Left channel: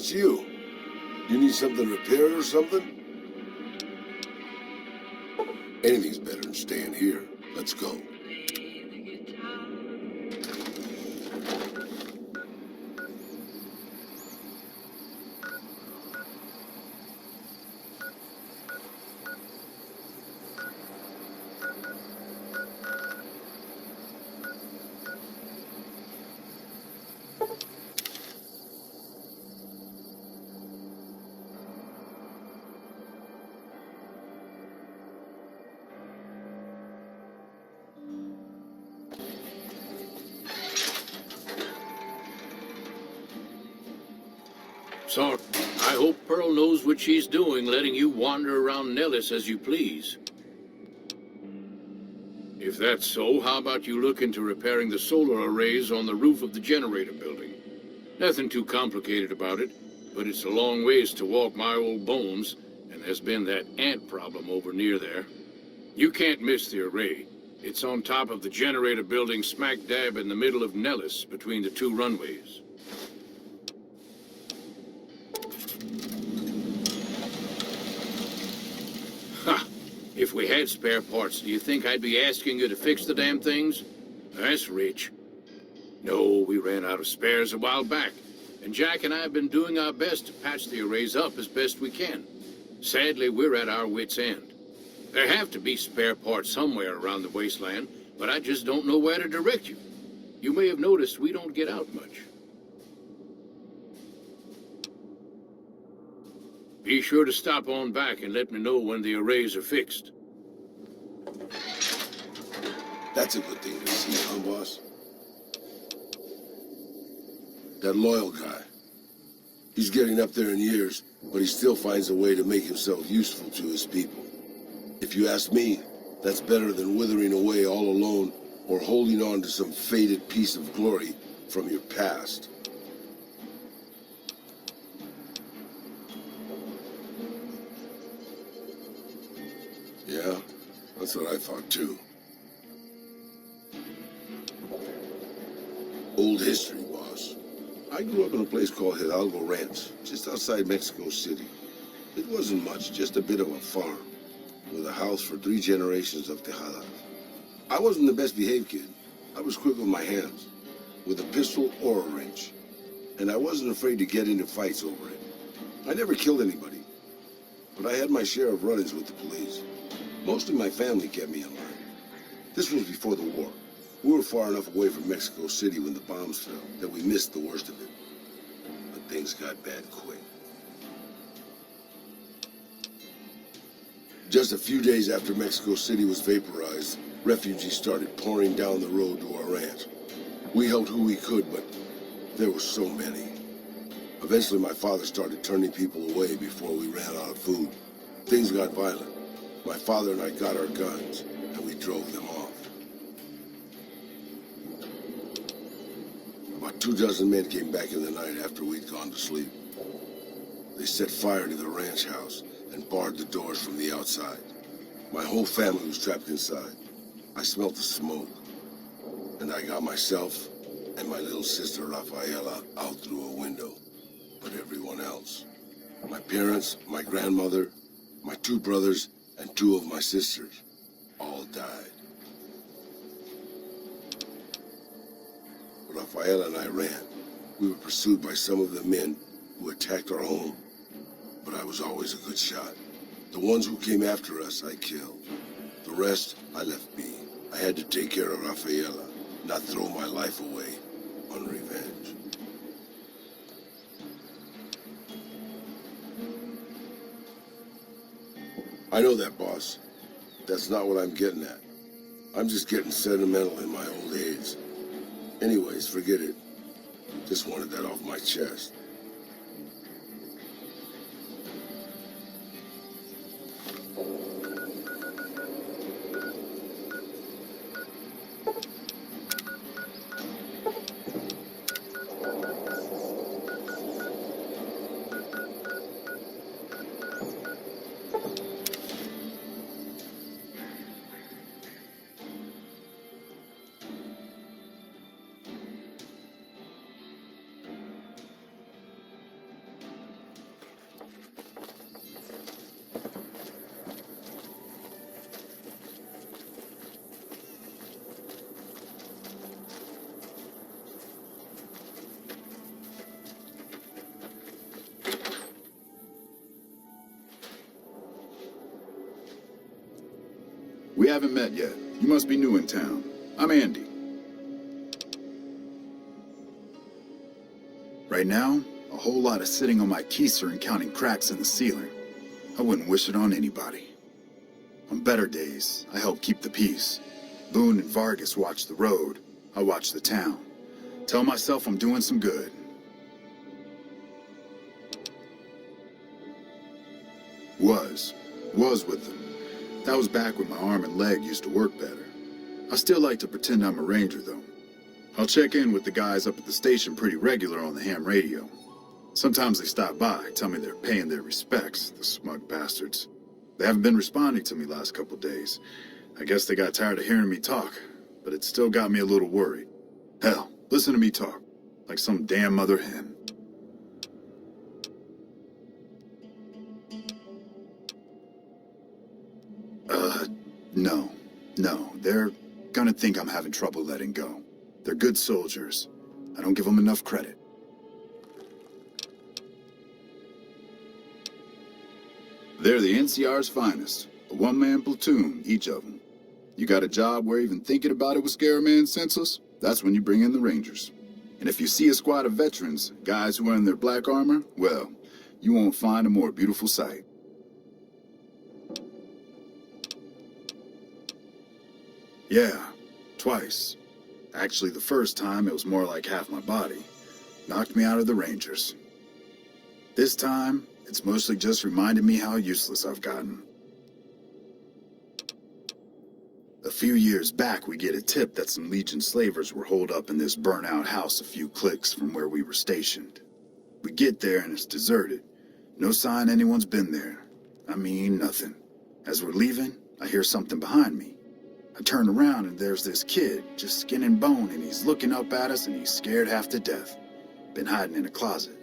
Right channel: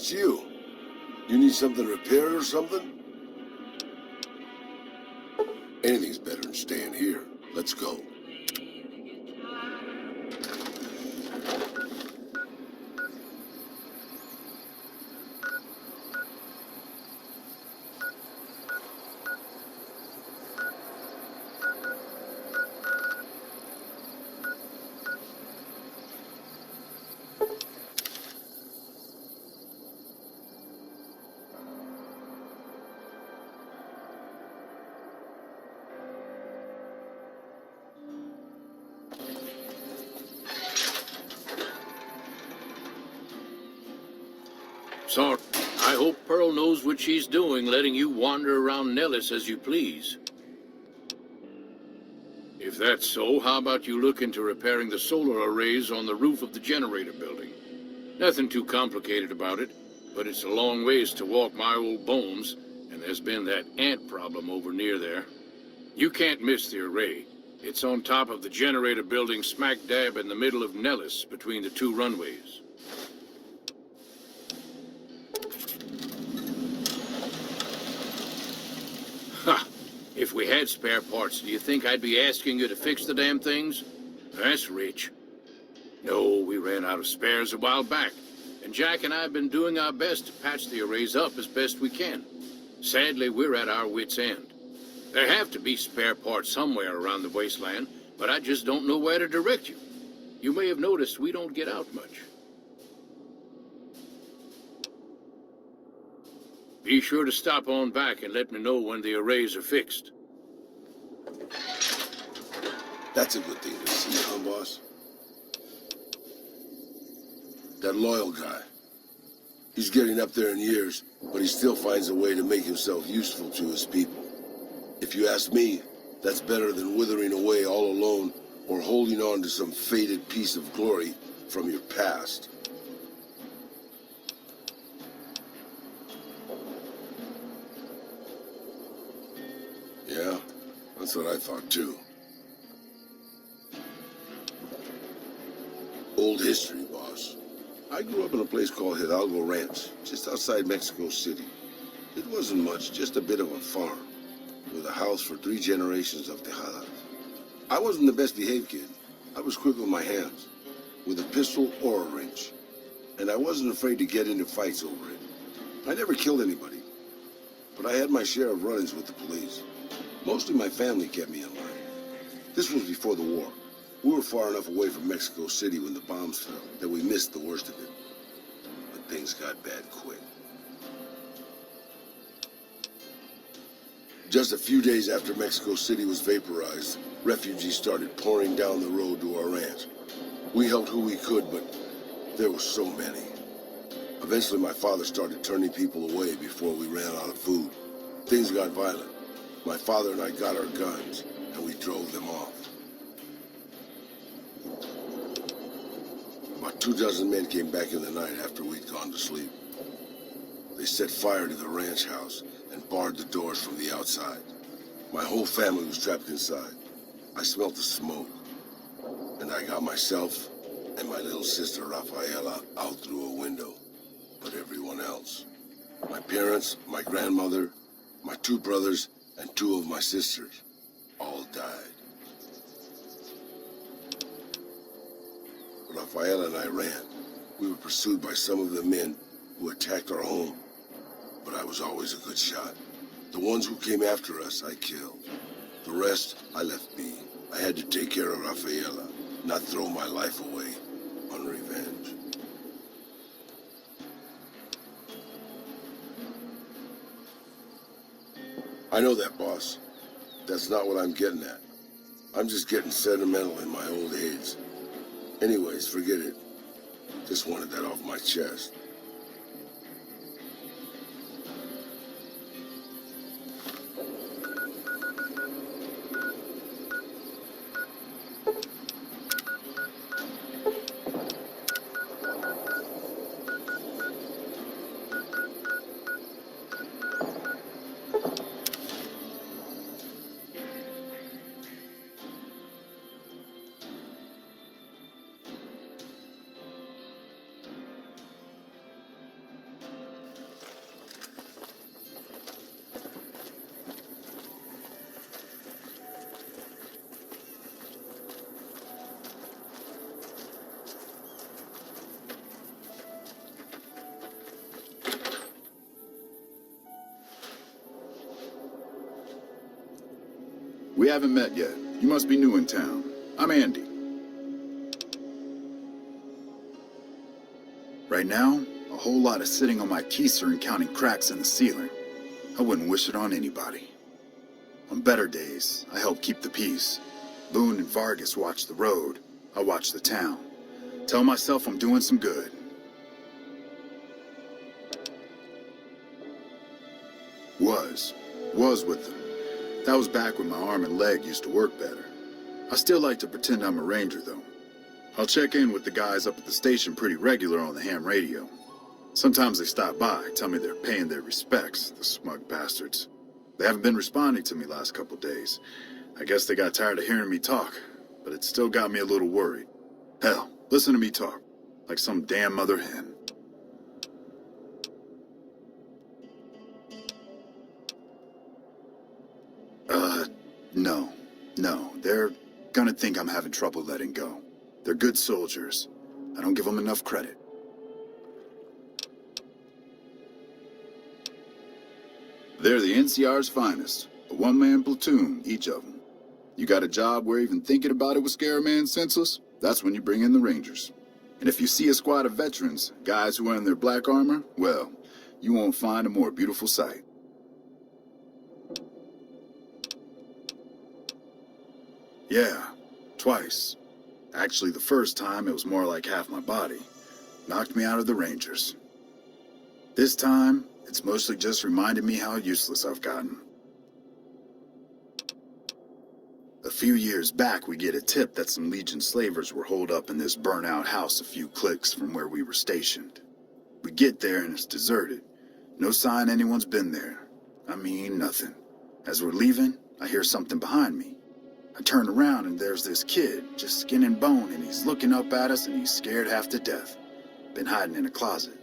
it's you. You need something repaired or something? Anything's better than staying here. Let's go. Sorry. I hope Pearl knows what she's doing, letting you wander around Nellis as you please. If that's so, how about you look into repairing the solar arrays on the roof of the generator building? Nothing too complicated about it, but it's a long ways to walk my old bones, and there's been that ant problem over near there. You can't miss the array. It's on top of the generator building smack dab in the middle of Nellis, between the two runways. Ha! If we had spare parts, do you think I'd be asking you to fix the damn things? That's rich. No, we ran out of spares a while back, and Jack and I have been doing our best to patch the arrays up as best we can. Sadly, we're at our wits' end. There have to be spare parts somewhere around the wasteland, but I just don't know where to direct you. You may have noticed we don't get out much. Be sure to stop on back and let me know when the arrays are fixed. That's a good thing to see, huh, boss? That loyal guy. He's getting up there in years, but he still finds a way to make himself useful to his people. If you ask me, that's better than withering away all alone or holding on to some faded piece of glory from your past. Yeah, that's what I thought too. Old history, boss. I grew up in a place called Hidalgo Ranch, just outside Mexico City. It wasn't much, just a bit of a farm, with a house for 3 generations of Tejadas. I wasn't the best behaved kid. I was quick with my hands, with a pistol or a wrench. And I wasn't afraid to get into fights over it. I never killed anybody, but I had my share of run-ins with the police. Mostly my family kept me in line. This was before the war. We were far enough away from Mexico City when the bombs fell that we missed the worst of it. But things got bad quick. Just a few days after Mexico City was vaporized, refugees started pouring down the road to our ranch. We helped who we could, but there were so many. Eventually, my father started turning people away before we ran out of food. Things got violent. My father and I got our guns, and we drove them off. About 24 men came back in the night after we'd gone to sleep. They set fire to the ranch house and barred the doors from the outside. My whole family was trapped inside. I smelt the smoke, and I got myself and my little sister Rafaela out through a window. But everyone else, my parents, my grandmother, my 2 brothers, and 2 of my sisters, all died. Rafaela and I ran. We were pursued by some of the men who attacked our home, but I was always a good shot. The ones who came after us, I killed. The rest, I left be. I had to take care of Rafaela, not throw my life away on revenge. I know that, boss. That's not what I'm getting at. I'm just getting sentimental in my old age. Anyways, forget it. Just wanted that off my chest. We haven't met yet. You must be new in town. I'm Andy. Right now, a whole lot of sitting on my keister and counting cracks in the ceiling. I wouldn't wish it on anybody. On better days, I help keep the peace. Boone and Vargas watch the road. I watch the town. Tell myself I'm doing some good. Was with them. That was back when my arm and leg used to work better. I still like to pretend I'm a ranger, though. I'll check in with the guys up at the station pretty regular on the ham radio. Sometimes they stop by, tell me they're paying their respects, the smug bastards. They haven't been responding to me last couple days. I guess they got tired of hearing me talk, but it still got me a little worried. Hell, listen to me talk, like some damn mother hen. No, they're gonna think I'm having trouble letting go. They're good soldiers. I don't give them enough credit. They're the NCR's finest, a one-man platoon, each of them. You got a job where even thinking about it would scare a man senseless? That's when you bring in the Rangers. And if you see a squad of veterans, guys who are in their black armor, well, you won't find a more beautiful sight. Yeah, twice. Actually, the first time it was more like half my body. Knocked me out of the Rangers. This time, it's mostly just reminded me how useless I've gotten. A few years back, we get a tip that some Legion slavers were holed up in this burnt-out house a few clicks from where we were stationed. We get there and it's deserted. No sign anyone's been there. I mean, nothing. As we're leaving, I hear something behind me. I turn around and there's this kid, just skin and bone, and he's looking up at us and he's scared half to death. Been hiding in a closet.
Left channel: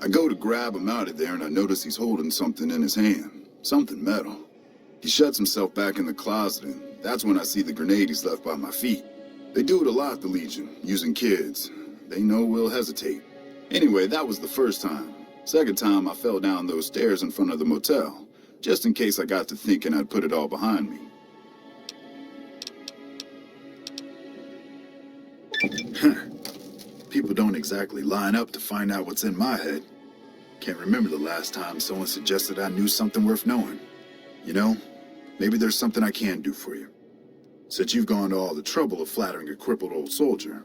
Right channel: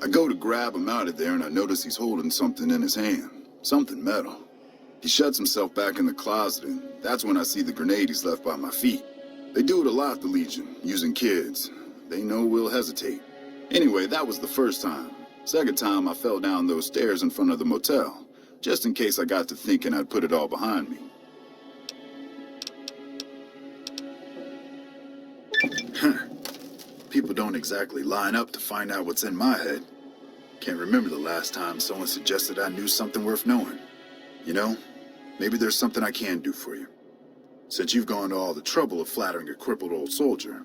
I go to grab him out of there and I notice he's holding something in his hand. Something metal. He shuts himself back in the closet and that's when I see the grenade he's left by my feet. They do it a lot, the Legion, using kids. They know we'll hesitate. Anyway, that was the first time. Second time I fell down those stairs in front of the motel. Just in case I got to thinking I'd put it all behind me. People don't exactly line up to find out what's in my head. Can't remember the last time someone suggested I knew something worth knowing. You know, maybe there's something I can do for you. Since you've gone to all the trouble of flattering a crippled old soldier,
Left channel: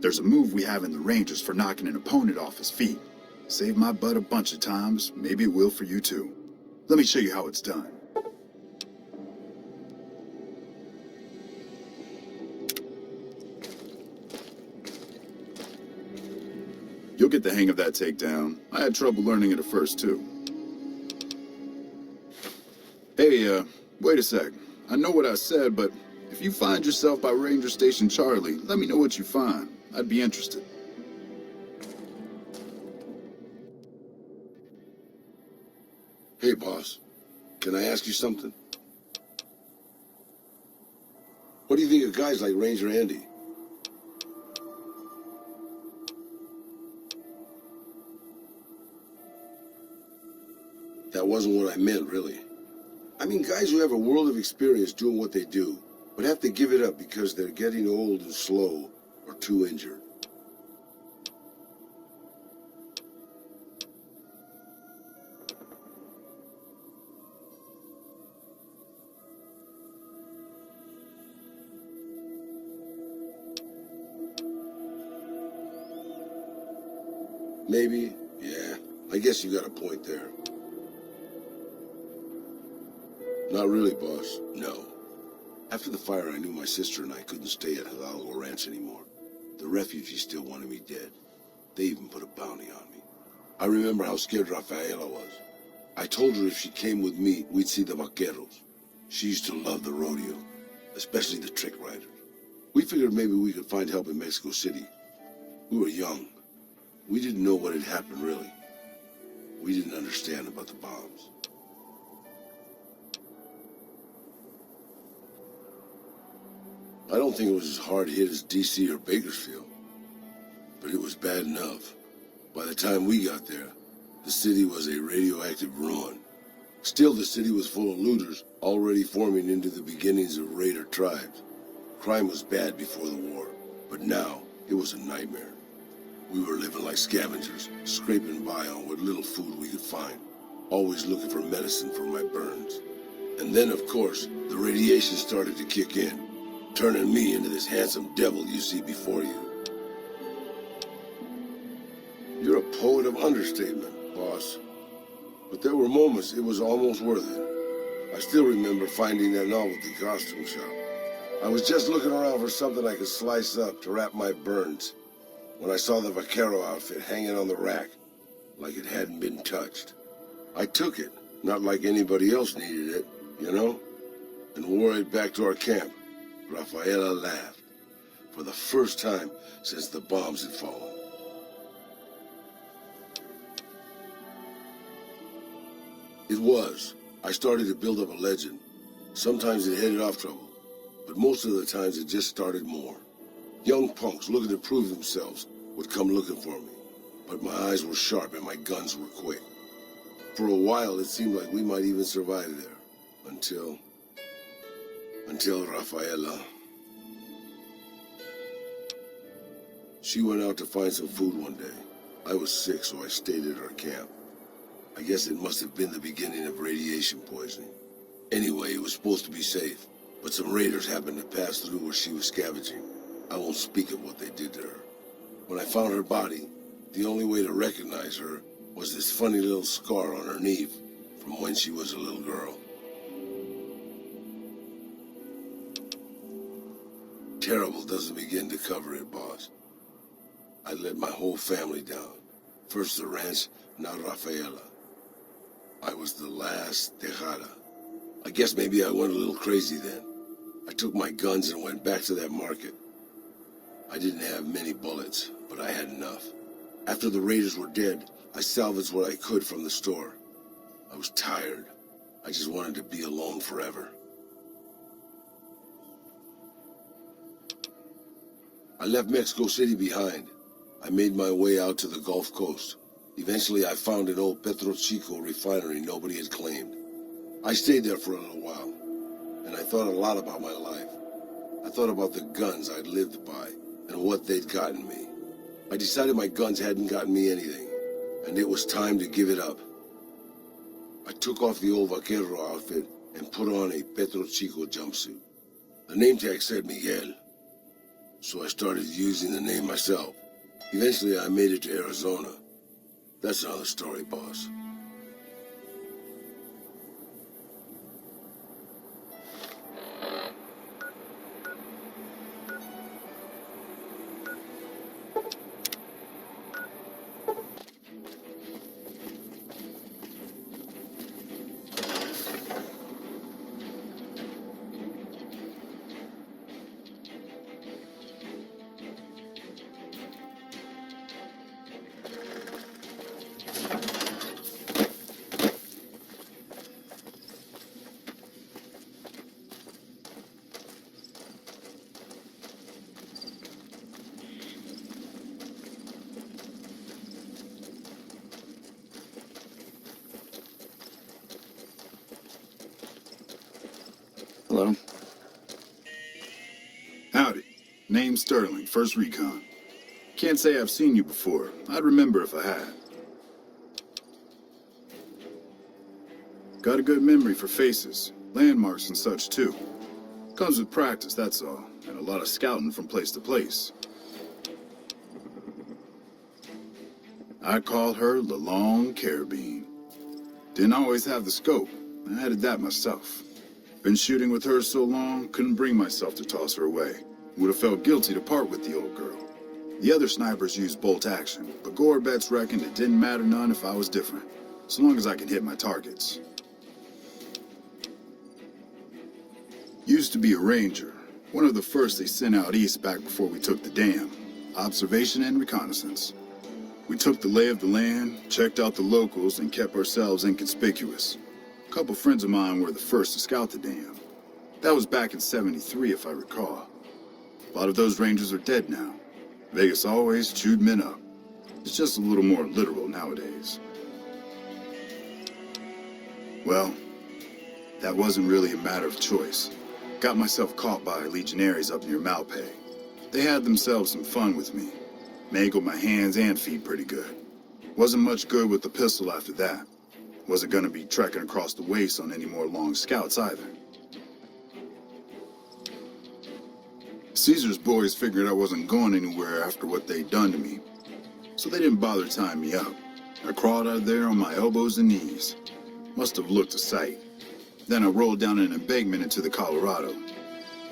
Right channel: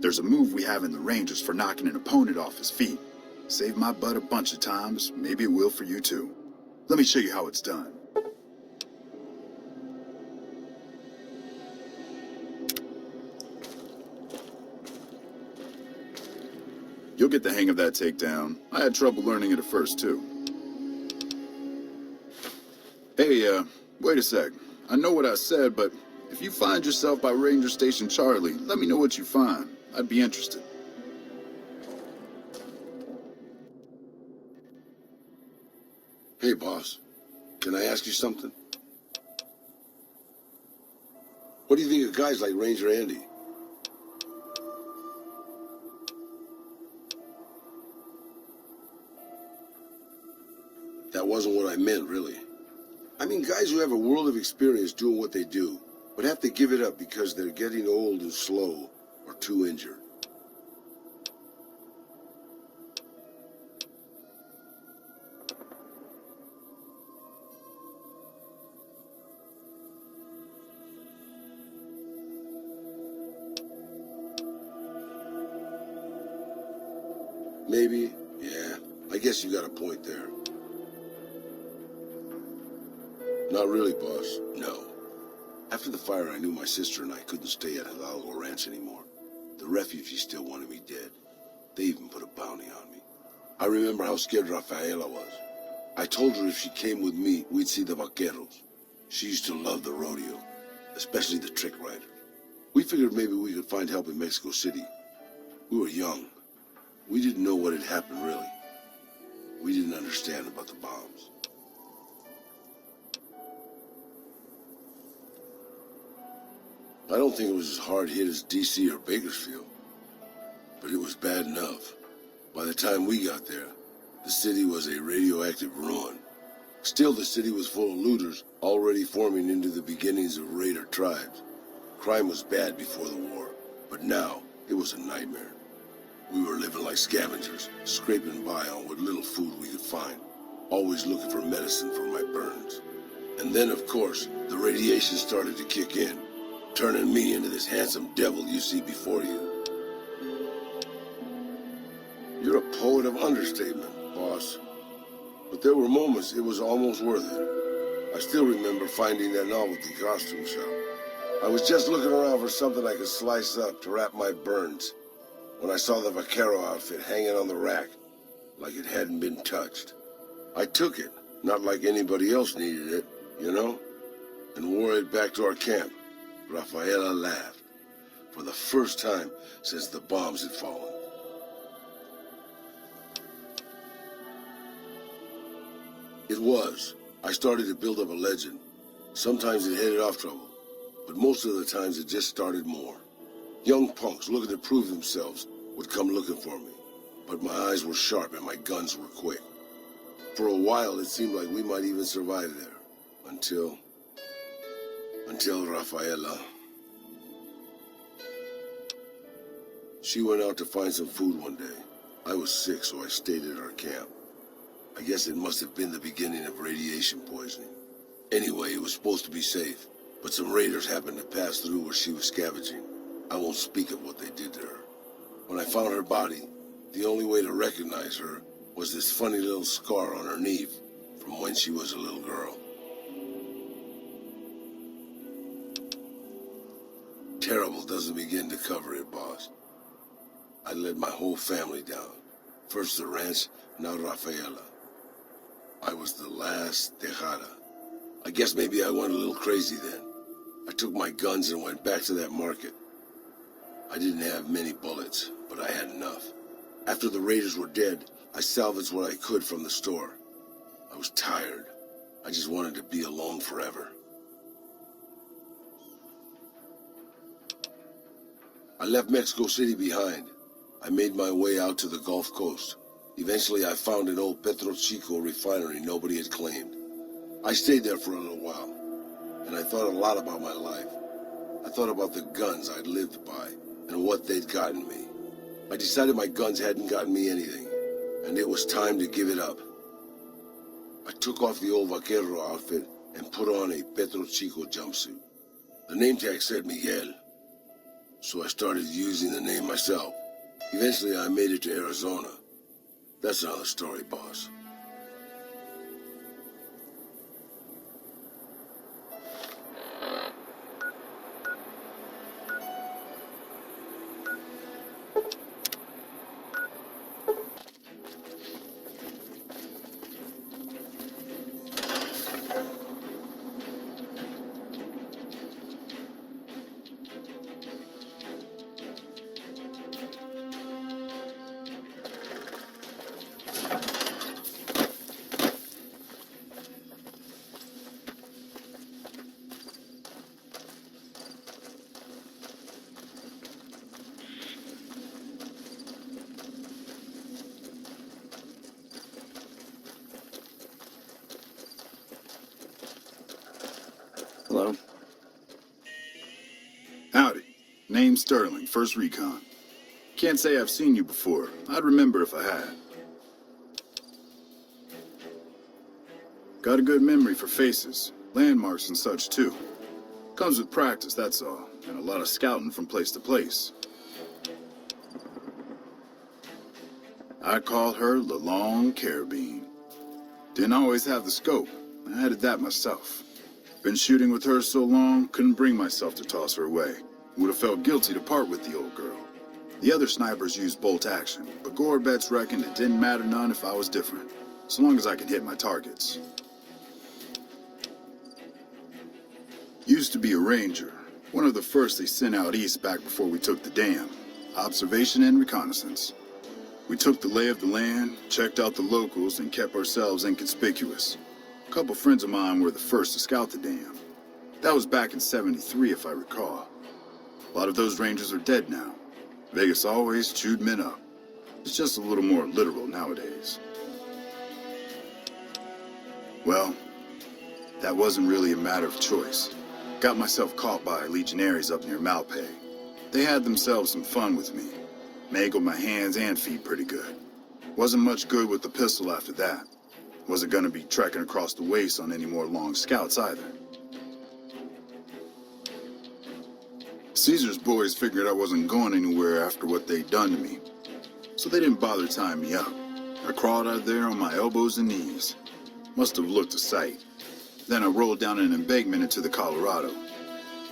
there's a move we have in the Rangers for knocking an opponent off his feet. Saved my butt a bunch of times, maybe it will for you too. Let me show you how it's done. You'll get the hang of that takedown. I had trouble learning it at first, too. Hey, wait a sec. I know what I said, but if you find yourself by Ranger Station Charlie, let me know what you find. I'd be interested. Hey, boss. Can I ask you something? What do you think of guys like Ranger Andy? That wasn't what I meant, really. I mean guys who have a world of experience doing what they do, but have to give it up because they're getting old and slow or too injured. Maybe, yeah. I guess you got a point there. Not really, boss. No. After the fire, I knew my sister and I couldn't stay at Hidalgo Ranch anymore. The refugees still wanted me dead. They even put a bounty on me. I remember how scared Rafaela was. I told her if she came with me, we'd see the vaqueros. She used to love the rodeo, especially the trick riders. We figured maybe we could find help in Mexico City. We were young. We didn't know what had happened, really. We didn't understand about the bombs. I don't think it was as hard hit as D.C. or Bakersfield, but it was bad enough. By the time we got there, the city was a radioactive ruin. Still, the city was full of looters, already forming into the beginnings of raider tribes. Crime was bad before the war, but now it was a nightmare. We were living like scavengers, scraping by on what little food we could find, always looking for medicine for my burns. And then, of course, the radiation started to kick in, turning me into this handsome devil you see before you. You're a poet of understatement, boss. But there were moments it was almost worth it. I still remember finding that novelty costume shop. I was just looking around for something I could slice up to wrap my burns when I saw the vaquero outfit hanging on the rack like it hadn't been touched. I took it, not like anybody else needed it, you know, and wore it back to our camp. Rafaela laughed, for the first time since the bombs had fallen. It was. I started to build up a legend. Sometimes it headed off trouble, but most of the times it just started more. Young punks looking to prove themselves would come looking for me, but my eyes were sharp and my guns were quick. For a while, it seemed like we might even survive there, until Rafaela. She went out to find some food one day. I was sick, so I stayed at our camp. I guess it must have been the beginning of radiation poisoning. Anyway, it was supposed to be safe, but some raiders happened to pass through where she was scavenging. I won't speak of what they did to her. When I found her body, the only way to recognize her was this funny little scar on her knee from when she was a little girl. Terrible doesn't begin to cover it, boss. I let my whole family down. First the ranch, now Rafaela. I was the last Tejada. I guess maybe I went a little crazy then. I took my guns and went back to that market. I didn't have many bullets, but I had enough. After the raiders were dead, I salvaged what I could from the store. I was tired. I just wanted to be alone forever. I left Mexico City behind. I made my way out to the Gulf Coast. Eventually, I found an old Petro Chico refinery nobody had claimed. I stayed there for a little while, and I thought a lot about my life. I thought about the guns I'd lived by and what they'd gotten me. I decided my guns hadn't gotten me anything, and it was time to give it up. I took off the old vaquero outfit and put on a Petro Chico jumpsuit. The name tag said Miguel, so I started using the name myself. Eventually, I made it to Arizona. That's another story, boss. Hello? Howdy. Name's Sterling, First Recon. Can't say I've seen you before. I'd remember if I had. Got a good memory for faces, landmarks and such too. Comes with practice, that's all, and a lot of scouting from place to place. I call her the Long Carabine. Didn't always have the scope. I added that myself. Been shooting with her so long, couldn't bring myself to toss her away. Would have felt guilty to part with the old girl. The other snipers used bolt action, but Gore bets reckoned it didn't matter none if I was different, so long as I could hit my targets. Used to be a ranger, one of the first they sent out east back before we took the dam. Observation and reconnaissance. We took the lay of the land, checked out the locals, and kept ourselves inconspicuous. A couple friends of mine were the first to scout the dam. That was back in '73, if I recall. A lot of those rangers are dead now. Vegas always chewed men up. It's just a little more literal nowadays. Well, that wasn't really a matter of choice. Got myself caught by legionaries up near Malpay. They had themselves some fun with me. Mangled my hands and feet pretty good. Wasn't much good with the pistol after that. Wasn't gonna be trekking across the waste on any more long scouts either. Caesar's boys figured I wasn't going anywhere after what they'd done to me, so they didn't bother tying me up. I crawled out there on my elbows and knees. Must have looked a sight. Then I rolled down an embankment into the Colorado.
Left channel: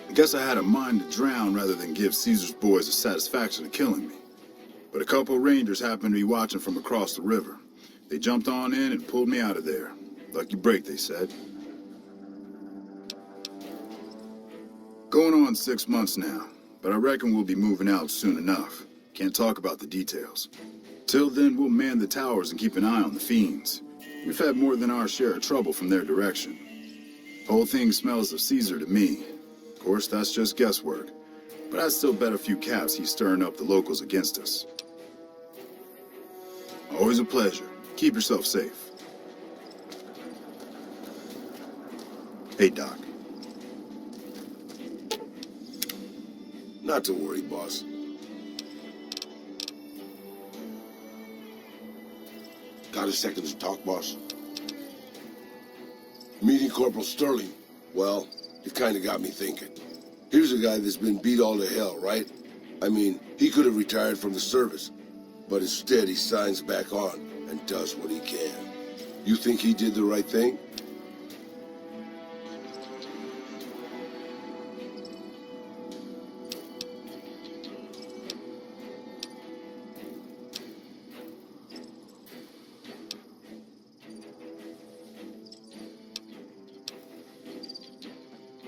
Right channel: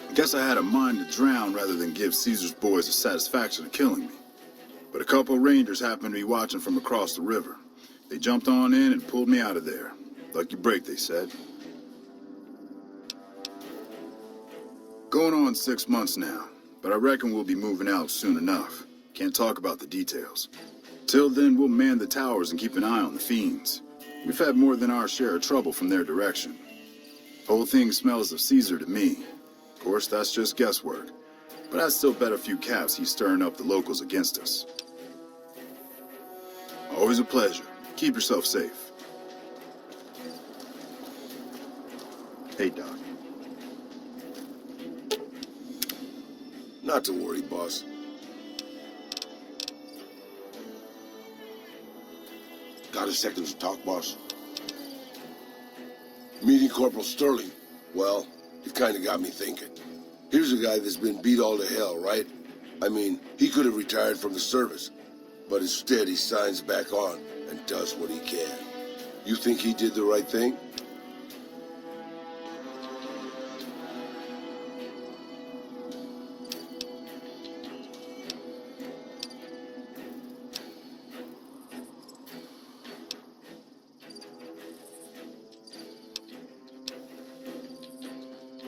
I guess I had a mind to drown rather than give Caesar's boys the satisfaction of killing me. But a couple of rangers happened to be watching from across the river. They jumped on in and pulled me out of there. Lucky break, they said. Going on 6 months now, but I reckon we'll be moving out soon enough. Can't talk about the details. Till then, we'll man the towers and keep an eye on the fiends. We've had more than our share of trouble from their direction. Whole thing smells of Caesar to me. Of course, that's just guesswork. But I'd still bet a few caps he's stirring up the locals against us. Always a pleasure. Keep yourself safe. Hey, Doc. Not to worry, boss. Got a second to talk, boss? Meeting Corporal Sterling. Well, it kind of got me thinking. Here's a guy that's been beat all to hell, right? I mean, he could have retired from the service, but instead he signs back on and does what he can. You think he did the right thing?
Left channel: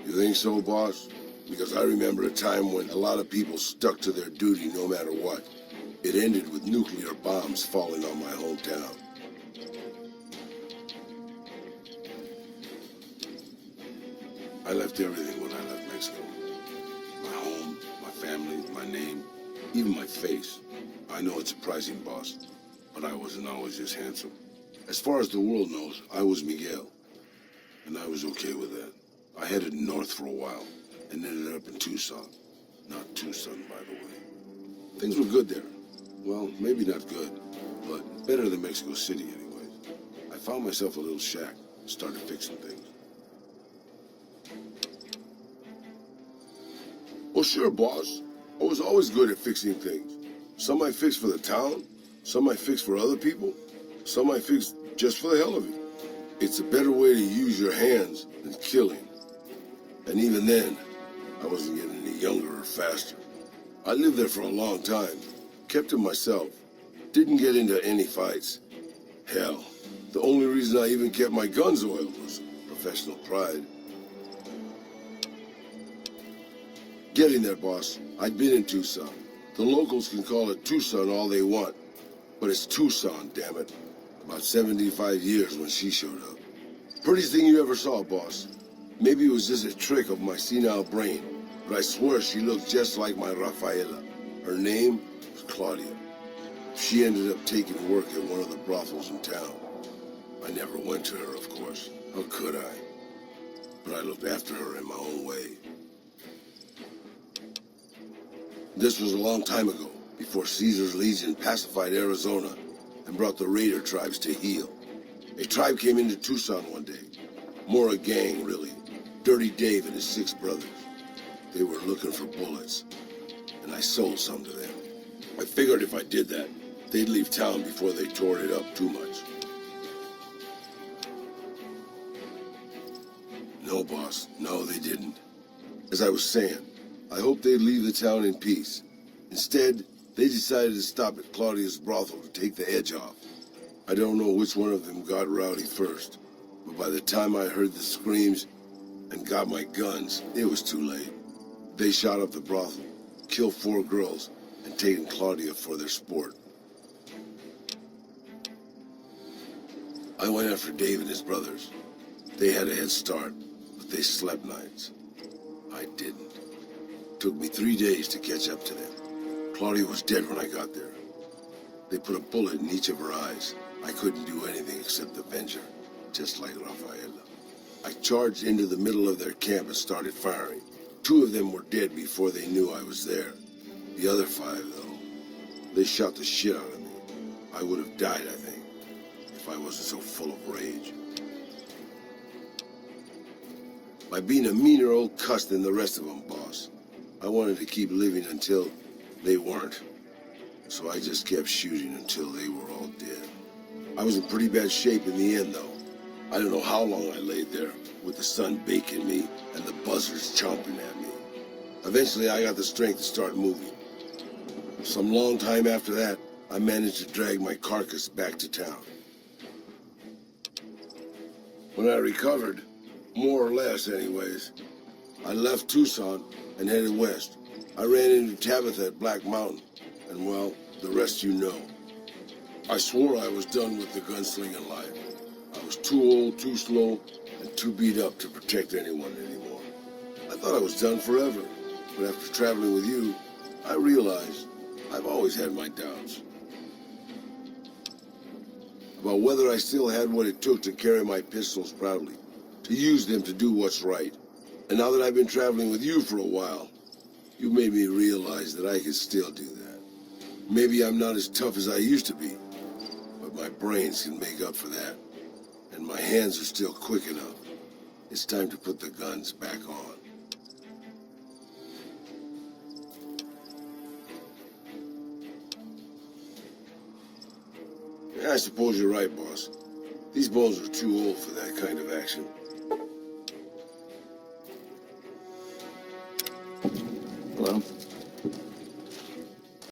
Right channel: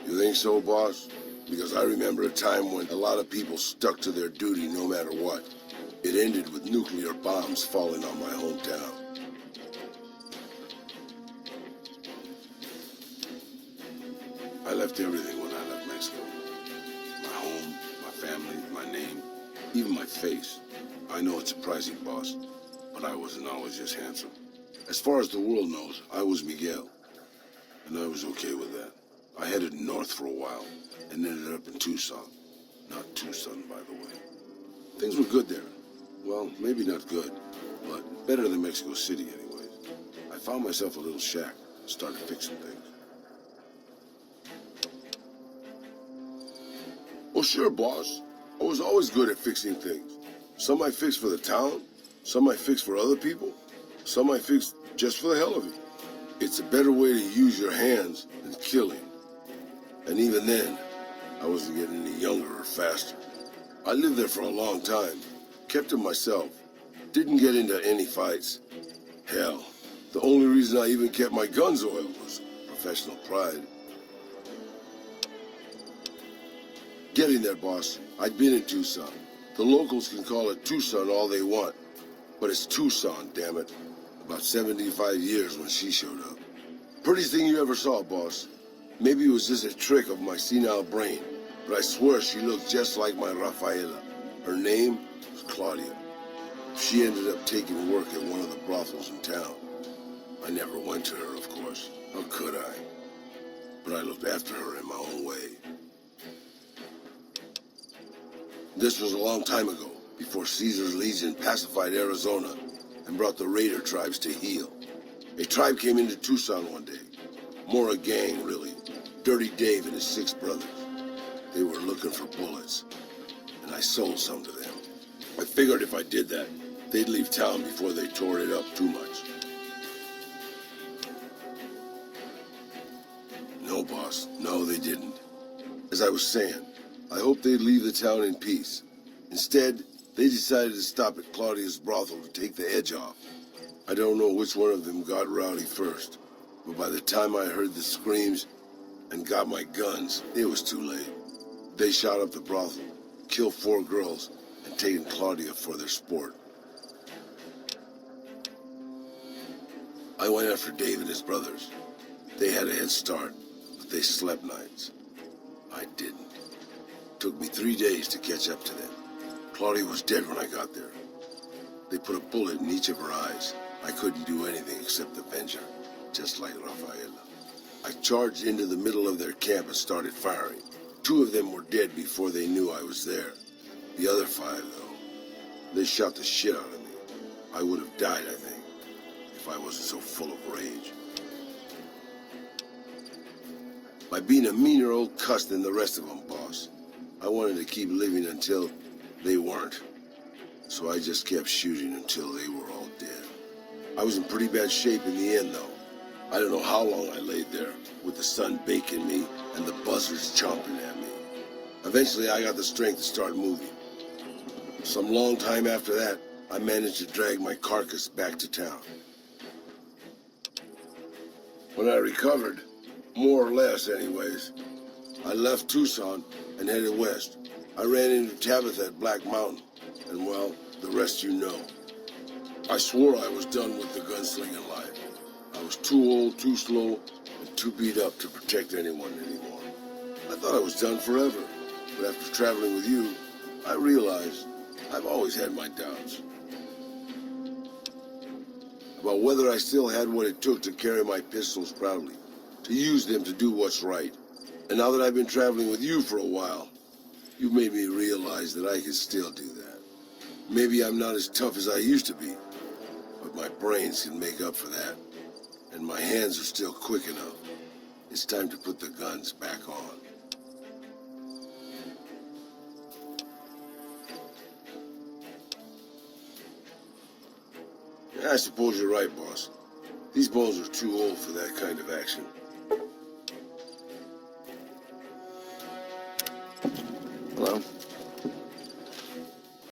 You think so, boss? Because I remember a time when a lot of people stuck to their duty no matter what. It ended with nuclear bombs falling on my hometown. I left everything when I left Mexico. My home, my family, my name, even my face. I know it's surprising, boss, but I wasn't always just handsome. As far as the world knows, I was Miguel, and I was okay with that. I headed north for a while and ended up in Tucson. Not Tucson, by the way. Things were good there. Well, maybe not good, but better than Mexico City anyways. I found myself a little shack and started fixing things. Well, sure, boss. I was always good at fixing things. Some I fixed for the town, some I fixed for other people, some I fixed just for the hell of it. It's a better way to use your hands than killing. And even then, I wasn't getting any younger or faster. I lived there for a long time, kept to myself, didn't get into any fights. Hell, the only reason I even kept my guns oiled was professional pride. Getting there, boss. I'd been in Tucson. The locals can call it Tucson all they want, but it's Tucson, damn it. About 75 years when she showed up. Prettiest thing you ever saw, boss. Maybe it was just a trick of my senile brain, but I swear she looked just like my Rafaela. Her name was Claudia. She ended up taking work at one of the brothels in town. I never went to her, of course. How could I? But I looked after her in my own way. This was a long time ago, before Caesar's Legion pacified Arizona and brought the raider tribes to heel. A tribe came into Tucson one day. More a gang, really. Dirty Dave and his 6 brothers. They were looking for bullets, and I sold some to them. I figured if I did that, they'd leave town before they tore it up too much. No, boss. No, they didn't. As I was saying, I hoped they'd leave the town in peace. Instead, they decided to stop at Claudia's brothel to take the edge off. I don't know which one of them got rowdy first, but by the time I heard the screams and got my guns, it was too late. They shot up the brothel, killed 4 girls, and taken Claudia for their sport. I went after Dave and his brothers. They had a head start, but they slept nights. I didn't. Took me 3 days to catch up to them. Claudia was dead when I got there. They put a bullet in each of her eyes. I couldn't do anything except avenge her. just like Rafael. I charged into the middle of their camp and started firing. 2 of them were dead before they knew I was there. The other 5, though, they shot the shit out of me. I would have died, I think, if I wasn't so full of rage. By being a meaner old cuss than the rest of them, boss. I wanted to keep living until they weren't. So I just kept shooting until they were all dead. I was in pretty bad shape in the end, though. I don't know how long I laid there, with the sun baking me and the buzzards chomping at me. Eventually, I got the strength to start moving. Some long time after that, I managed to drag my carcass back to town. When I recovered, more or less anyways, I left Tucson and headed west. I ran into Tabitha at Black Mountain, and well, the rest you know. I swore I was done with the gunslinging life. I was too old, too slow, and too beat up to protect anyone anymore. I thought I was done forever, but after traveling with you, I realized I've always had my doubts. About whether I still had what it took to carry my pistols proudly, to use them to do what's right. And now that I've been traveling with you for a while, you made me realize that I can still do that. Maybe I'm not as tough as I used to be, but my brains can make up for that. And my hands are still quick enough. It's time to put the guns back on. I suppose you're right, boss. These bones are too old for that kind of action. Hello?